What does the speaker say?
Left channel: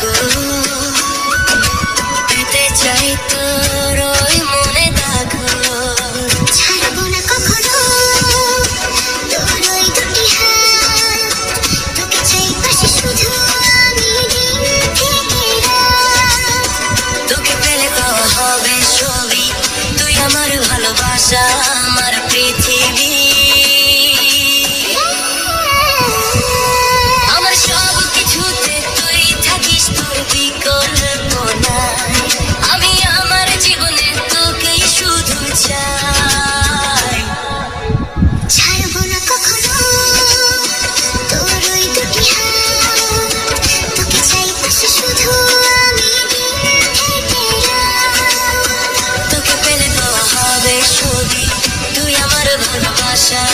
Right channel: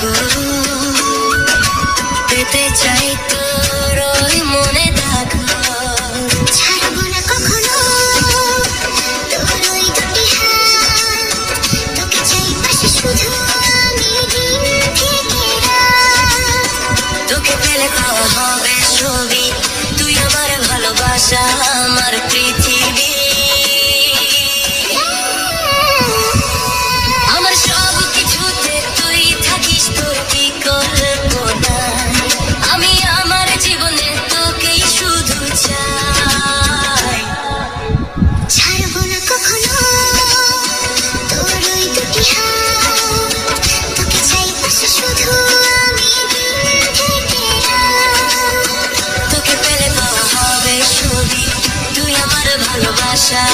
গো, পেতে চাই তোর ওই মনে দাগ, ছাড়বো না কখনো তোর ওই দুটি হাত, তোকে চাই পাশে শুধু আমি দিন থেকে রাত। তোকে পেলে পাওয়া হবে ছবি, তুই আমার ভালোবাসা, আমার পৃথিবী, আমার সব কিছুতে তুই থাকিস, তোর বিকল্প নাই। আমি আমার জীবনে তোকেই শুধু চাই, ছাড়বো না কখনো তোর ওই দুটি হাত, তোকে চাই পাশে শুধু আমি দিন থেকে রাত। তোকে পেলে পাওয়া হবে ছবি, তুই আমার ভালোবাসা।